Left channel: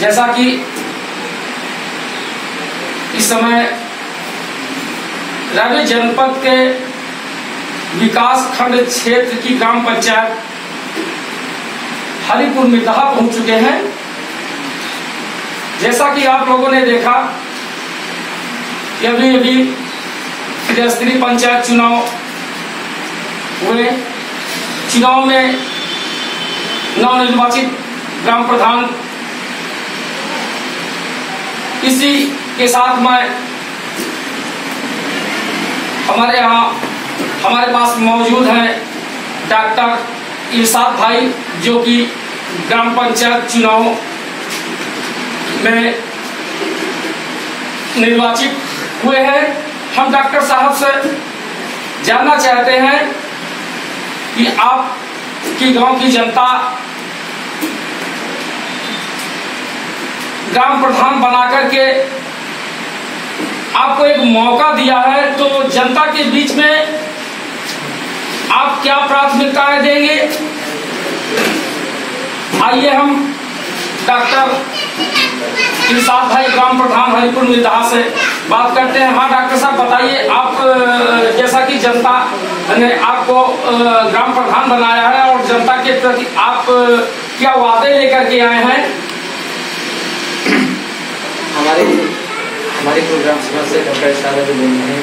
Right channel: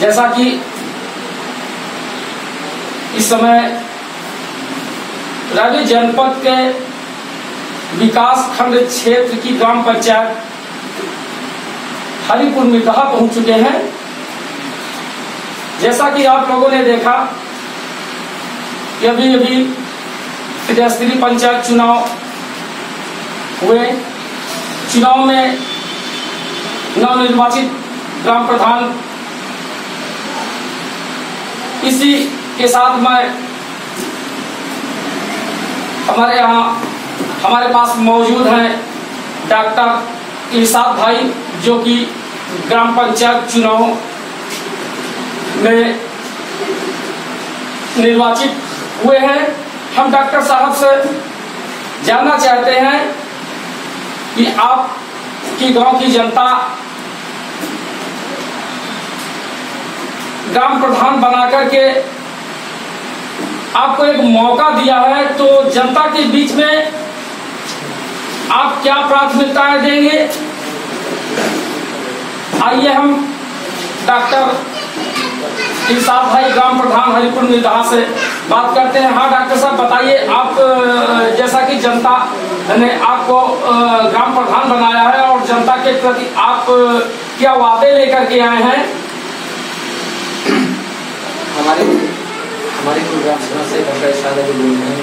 जैसा कि इस समय राजू जनपद के विकास खंड क्षेत्र की ग्राम पंचायत हरिपुर मितहा पहुंच चुके हैं। जैसा कि आप लोगों ने देखा कि अभी अभी त्रिस्तरीय पंचायत चुनाव हुए। चुनाव में नवनिर्वाचित ग्राम प्रधान, इसी के साथ मैं हमारे पास मौजूद हैं डॉक्टर इरशाद भाई, जो कि ग्राम पंचायत चुनाव में निर्वाचित हुए हैं। हम डॉक्टर साहब से जानना चाहते हैं कि आपकी गांव की जनता ग्राम प्रधान बनाकर के आपको एक मौका दिया है, तो जनता के बीच में आप क्या प्राथमिकताएं देंगे? आइए हम डॉक्टर इरशाद भाई, ग्राम प्रधान हरिपुर मितहा से बात करते हैं। हाँ डॉक्टर साहब बताइए, आप जैसा कि जनता ने आपको ग्राम प्रधान बनाया है और जनता के प्रति आप क्या वादे लेकर के आए हैं? हमारे प्रोग्राम सभा से डॉक्टर इरशाद भाई बोल रहे हैं,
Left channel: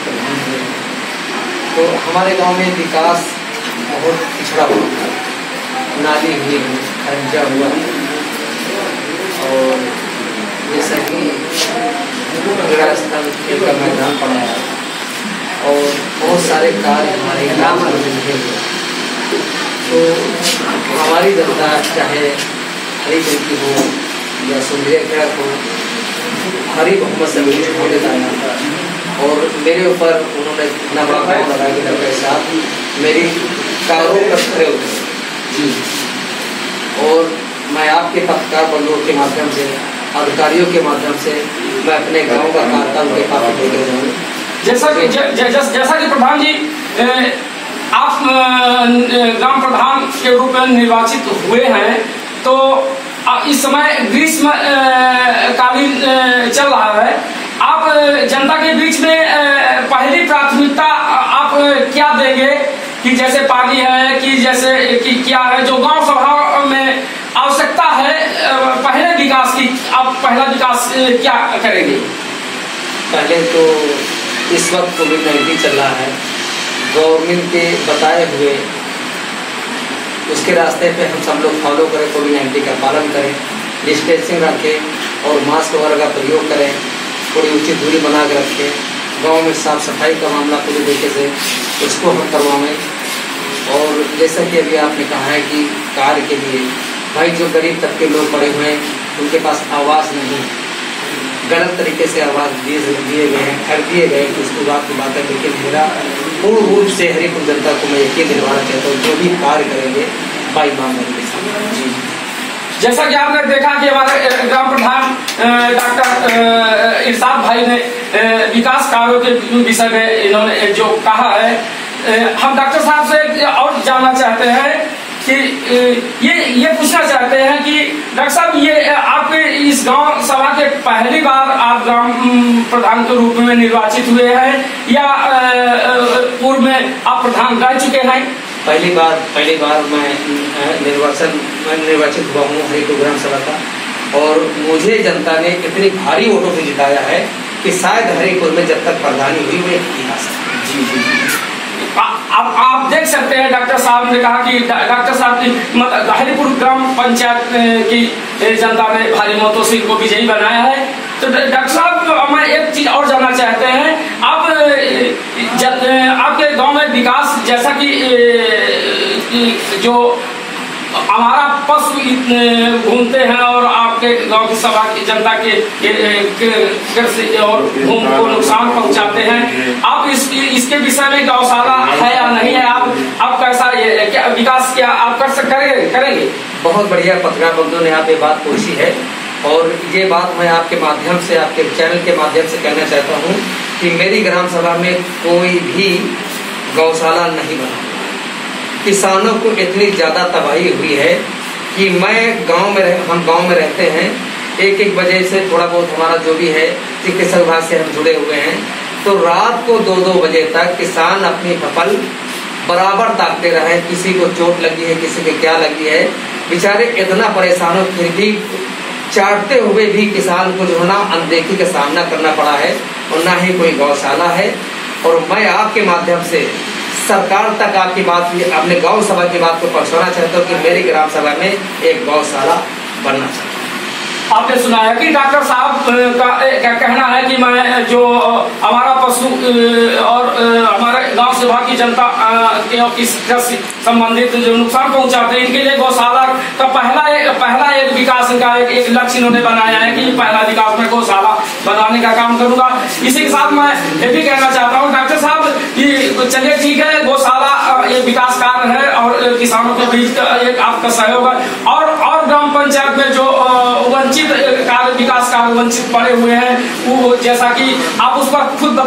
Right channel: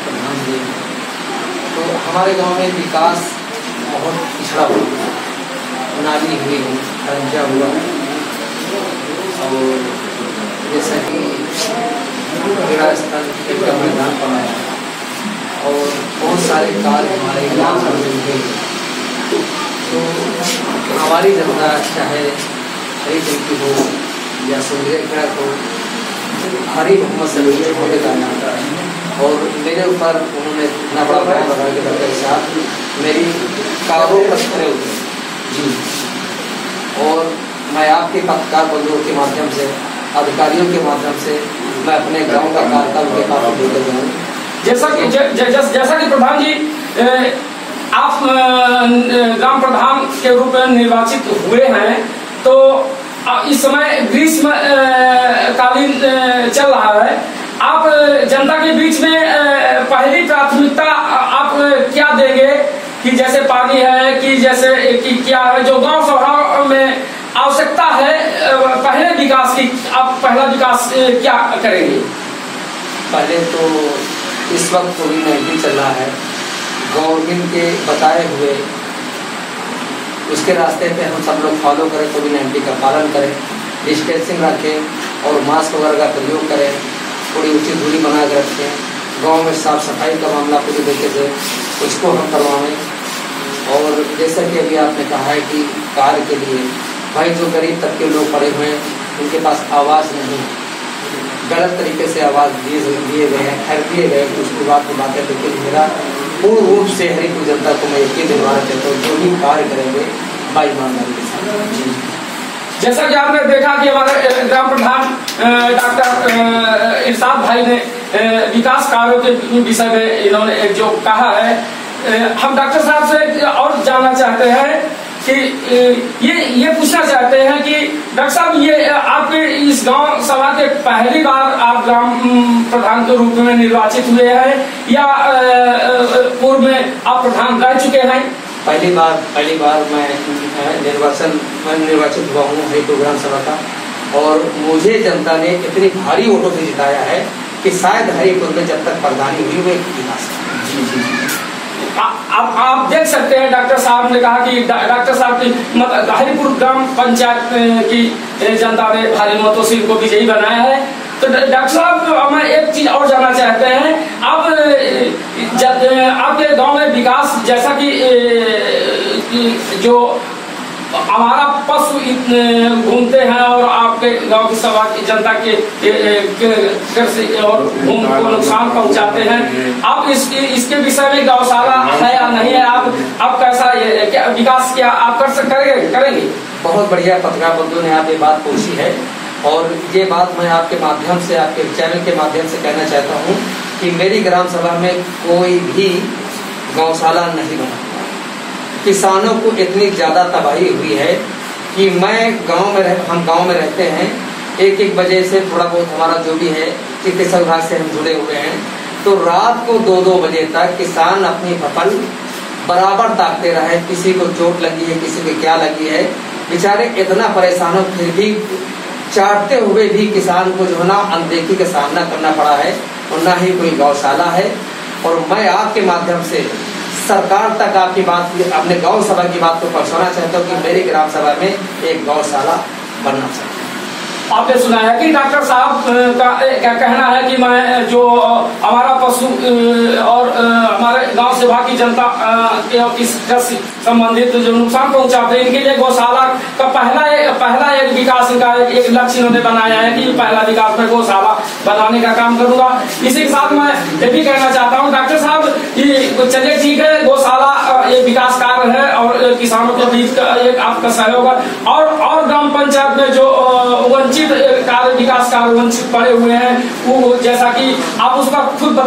प्रधान जी। तो हमारे गांव में विकास बहुत पिछड़ा हुआ है, नाली हुई है, खरंजा हुआ है, और जैसा कि क्रीड़ा स्थल, खेल का मैदान पड़ा है और बहुत सारे कार्य हमारे ग्राम में हुए। तो हमारी जनता चाहे हरी की हो या सुंदरिया खेड़ा हो, भारी बहुमत से मुझे होने जाना और मेरे ऊपर उन्होंने इतना बड़ा काम लगा के मेरे साथ मेरी कारों पर खड़े उतरे जी। और मैं आपके पत्रकार बंधुओं के माध्यम से, अधिकारियों के माध्यम से मैं अपने गांव का कार्यकाल के काफी बोले हूँ। जैसा कि प्रधान जी आप ग्राम प्रधान के रूप में निर्वाचित हुए हैं, तो इस समय ग्रीष्म कालीन चल रहा है, आप जनता के बीच में पहली प्राथमिकता आप क्या देंगे? कि जैसे पानी है, कि जैसे कि क्या है जो गांव सभा में आवश्यकता है पहले विकास की, आप पहला विकास क्या करेंगे? पहले तो इस वक्त कोविड-19 चल रहा है, गवर्नमेंट के बताए हुए उसके रास्ते पे हम सब लोग फॉलो करें, कोविड-19 का पालन करें, डिस्टेंसिंग रखें और मास्क वगैरह का प्रयोग करें, थोड़ी उचित दूरी बना कर रखें, गांव में साफ सफाई का मामला पूरी तरीके से उसको हम करवाएं। और जैसा कि अभी आपने कहा है कि कार्य के लिए भाई जो गरीब तबके लोग पड़े हुए हैं उनके पास आवाज़ नहीं, गलत तरीके से आवाज़ दिए गए हैं, खरीद दिए गए, तो उसकी बात है। लेकिन मेरा पूर्ण रूप से हरिपुर जनता को मैं यकीन दिलवाना चाहता हूँ, जो भी कार्य करेंगे भाई ईमानदारी के साथ जी। जैसा कि आपने देखा कि हमारे ग्राम प्रधान डॉक्टर इरशाद भाई ने विकास कार्यों के विषय में इन्होंने जो कहा है, हम डॉक्टर साहब से और जानना चाहते हैं कि ये पूछना चाहते हैं कि डॉक्टर साहब, ये आप इस गांव सभा के पहली बार आप ग्राम प्रधान के रूप में निर्वाचित हुए हैं या पूर्व में आप प्रधान रह चुके हैं? पहली बार मैं निर्वाचित हुआ हूँ हरिपुर ग्राम सभा का, और मुझे जनता ने इतनी भारी वोटों से जिताया है कि शायद हरिपुर में जब तक प्रधानी हुई वो इतिहास है। जी। आप देख सकते हैं डॉक्टर साहब ने कहा कि डॉक्टर साहब की मतलब हरिपुर ग्राम पंचायत की जनता ने भारी मतों से इनको विजयी बनाया है। तो डॉक्टर साहब, मैं एक चीज और जानना चाहते हैं, आप आपके गांव में विकास, जैसा कि जो हमारा पशु घूमते हैं और आपके गांव की सभा की जनता के और घूम को नुकसान पहुंचाते हैं, आप इसके विषय में गौशाला है या नहीं है? आप कैसा क्या विकास क्या आप करेंगे? बहुत बढ़िया पत्रकार बंधु ने आप ये बात पूछी है, और ये बात मैं आपके माध्यम से, आपके चैनल के माध्यम से कहना चाहता हूँ कि मेरी ग्राम सभा में कोई भी गौशाला नहीं बना। किसानों को इतनी ज्यादा तबाही हुई है कि हम गांव में रहते हैं, 1-1 बजे से थोड़ा बहुत हमारा जो भी है चिकित्सा विभाग से हम जुड़े हुए हैं, तो रात को 2-2 बजे तक किसान अपनी फसल बराबर ताकते रहे। किसी को चोट लगी है, किसी को क्या लगी है, बेचारे इतना परेशान हो, फिर भी चाटते हुए भी किसान को जो है ना अनदेखी का सामना करना पड़ा है, और ना ही कोई गौशाला है। और मैं आपके माध्यम से सरकार तक आपकी बात, अपने गौ सभा की बात को पहुंचाना चाहता हूँ कि मेरी ग्राम सभा में एक गौशाला बनना चाहिए। आपने सुना है कि डॉक्टर साहब का कहना है कि मैं जो हमारा पशु और हमारे गांव सभा की जनता के इससे संबंधित जो नुकसान पहुंचाते हैं, इनके लिए गौशाला का पहला एक विकास का एक लक्ष्य इन्होंने बनाया है कि पहला विकास में गौशाला बनाने का काम करूंगा। इसी के साथ मैं ये भी कहना चाहता हूँ डॉक्टर साहब कि चलिए ठीक है, गौशाला ये विकास कार्य है और किसानों के बीच एक आपका सहयोग है, और ग्राम पंचायत में जो वंचित कार्य विकास कार्य वंचित पड़े हुए हैं, वो जैसा कि आप उस पर खुद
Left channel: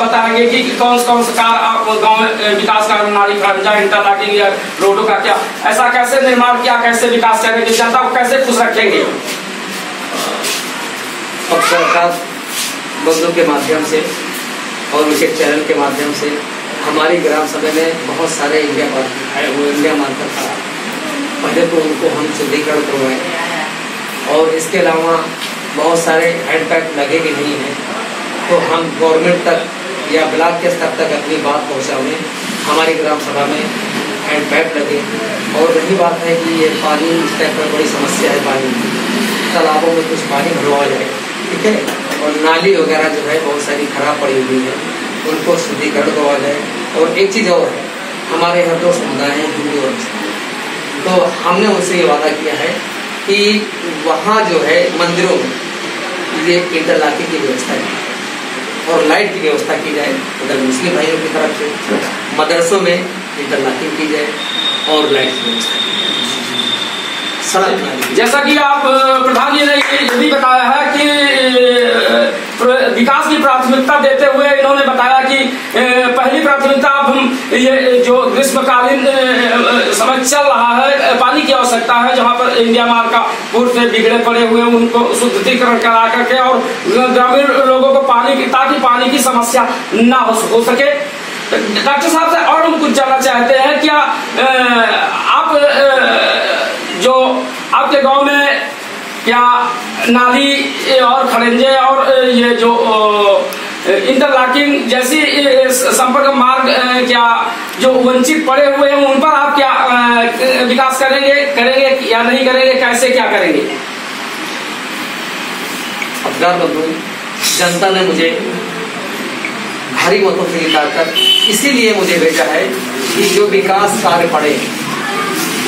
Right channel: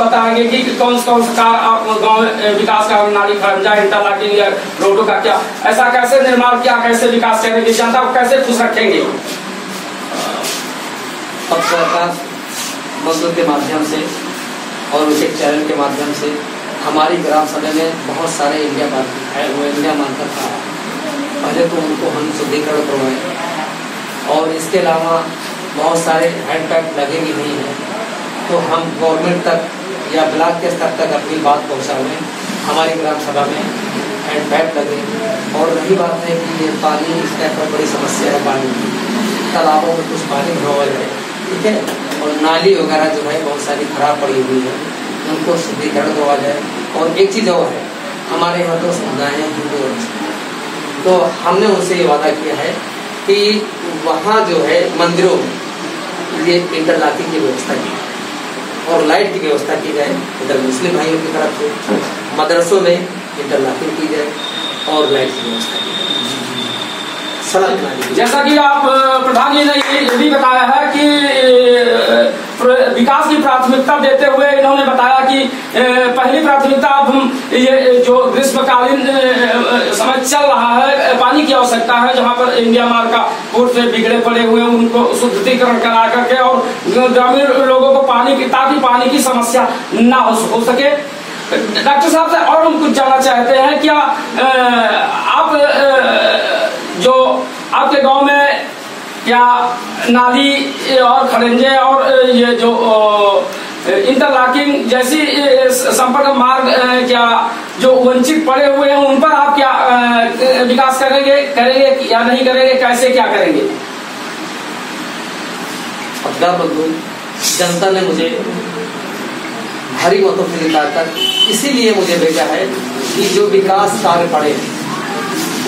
बताएंगे कि कौन से कार्य आप गाँव विकास कार्य, नाली खंजा, इंटरलॉकिंग या रोडों का क्या ऐसा कैसे निर्माण किया, कैसे विकास करेंगे, जनता को कैसे खुश रखेंगे। अब सरकार बंधु के माध्यम से और उनके चैनल के माध्यम से हमारी ग्राम सभा में बहुत सारे इंडिया मार्कर था, पहले तो उनको हम शुद्धिकरण करवाए, और इसके अलावा बहुत सारे हैंडपैप लगे भी नहीं हैं, तो हम गवर्नमेंट तक या ब्लॉक के स्तर तक अपनी बात पहुंचाएं। हमारी ग्राम सभा में हैंडपैप लगे। और रही बात है कि ये पानी इस टाइप पर बड़ी समस्या है, पानी तालाबों में कुछ पानी भरवा जाए, ठीक है, और नाली वगैरह जो है बहुत सारी खराब पड़ी हुई है, उनको शुद्धिकरण करवा जाए। और एक चीज़ और है, हमारे यहाँ तो समुदाय है हिंदू और मुस्लिम, तो हमने उनसे ये वादा किया है कि वहाँ जो है मंदिरों में ये इंटरलॉकिंग की व्यवस्था की और लाइट की व्यवस्था की जाए। उधर मुस्लिम भाइयों की तरफ से मदरसों में इंटरलॉकिंग की जाए और लाइट की व्यवस्था की जाए, सड़क। जैसा कि आप प्रधान जी ने ये भी बताया है कि विकास की प्राथमिकता देते हुए इन्होंने बताया कि पहली प्राथमिकता अब हम ये जो ग्रीष्मकालीन समय चल रहा है, पानी की आवश्यकता है, जहां पर इंडिया मार्ग का पुल से बिगड़े पड़े हुए उनको शुद्धिकरण करा करके और ग्रामीण लोगों को ताकि पानी की समस्या ना हो सके। डॉक्टर साहब से और हम कुछ जानना चाहते हैं, क्या आप जो आपके गांव में क्या नाली और खरंजे और ये जो इंटरलॉकिंग जैसी संपर्क मार्ग क्या जो वंचित पड़े हुए हैं उन पर आप क्या विकास करेंगे या नहीं करेंगे, कैसे क्या करेंगे? अफगार बंधु, जनता ने मुझे भारी मतों से जिताकर इसीलिए मुझे भेजा है कि जो विकास कार्य पड़े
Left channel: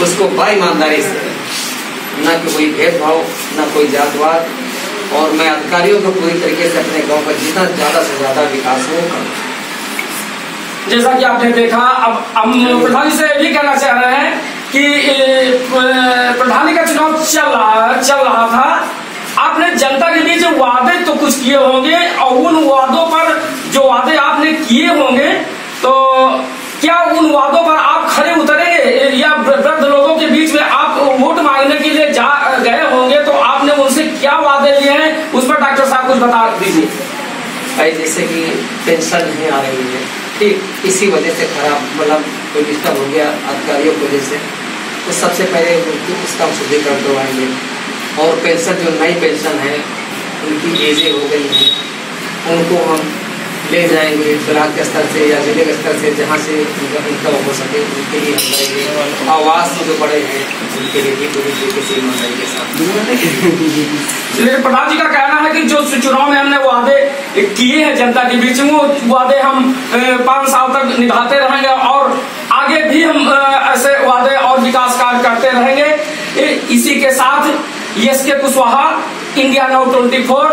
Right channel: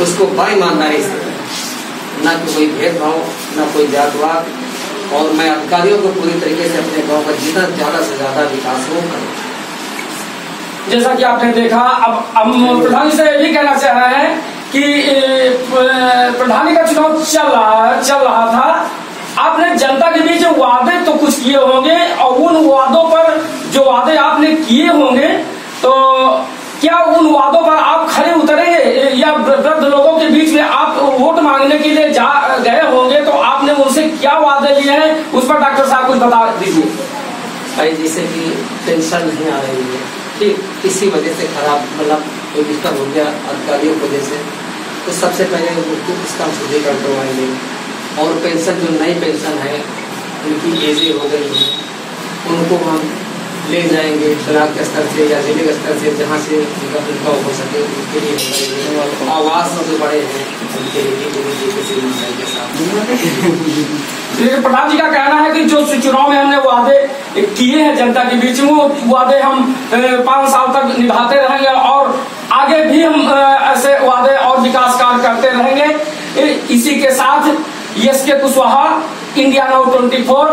उसको ईमानदारी से, ना कि कोई भेदभाव, ना कोई जातवाद, और मैं अधिकारियों को पूरी तरीके से अपने गांव का जितना ज्यादा से ज्यादा विकास हो। जैसा कि आपने देखा, अब हम प्रधानी से भी कहना चाह रहे हैं कि प्रधानी का चुनाव चल रहा था, आपने जनता के बीच वादे तो कुछ किए होंगे और उन वादों पर जो वादे आपने किए होंगे, तो क्या उन वादों पर आप खड़े उतरेंगे या वृद्ध लोगों के बीच में आप वोट मांगने के लिए गए होंगे, तो आपने उनसे क्या वादे लिए हैं उस पर डॉक्टर साहब कुछ बता दीजिए। जैसे कि पेंशन नहीं आ रही है, ठीक इसी वजह से खराब मतलब कोई डिस्टर्ब हो गया अधिकारियों की वजह से, तो सबसे पहले उसका हम शुद्धिकरण करवाएंगे। और पेंशन जो नई पेंशन है उनकी एजें हो गई हैं, उनको हम ले जाएंगे ब्लॉक के स्तर से या जिले के स्तर से, जहाँ से उनका हो सके उनके लिए हम करेंगे। आवास जो बड़े हैं उनके लिए पूरी तरीके से ईमानदारी के साथ। प्रधान जी का कहना है कि जो चुनाव में हमने वादे किए हैं जनता के बीच में, वो वादे हम 5 साल तक निभाते रहेंगे और आगे भी हम ऐसे वादे और विकास कार्य करते रहेंगे। इसी के साथ एस के कुशवाहा, इंडिया नाउ 24,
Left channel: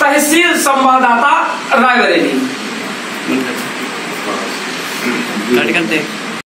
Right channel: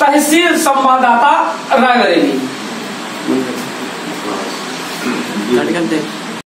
तहसील संवाददाता रायबरेली।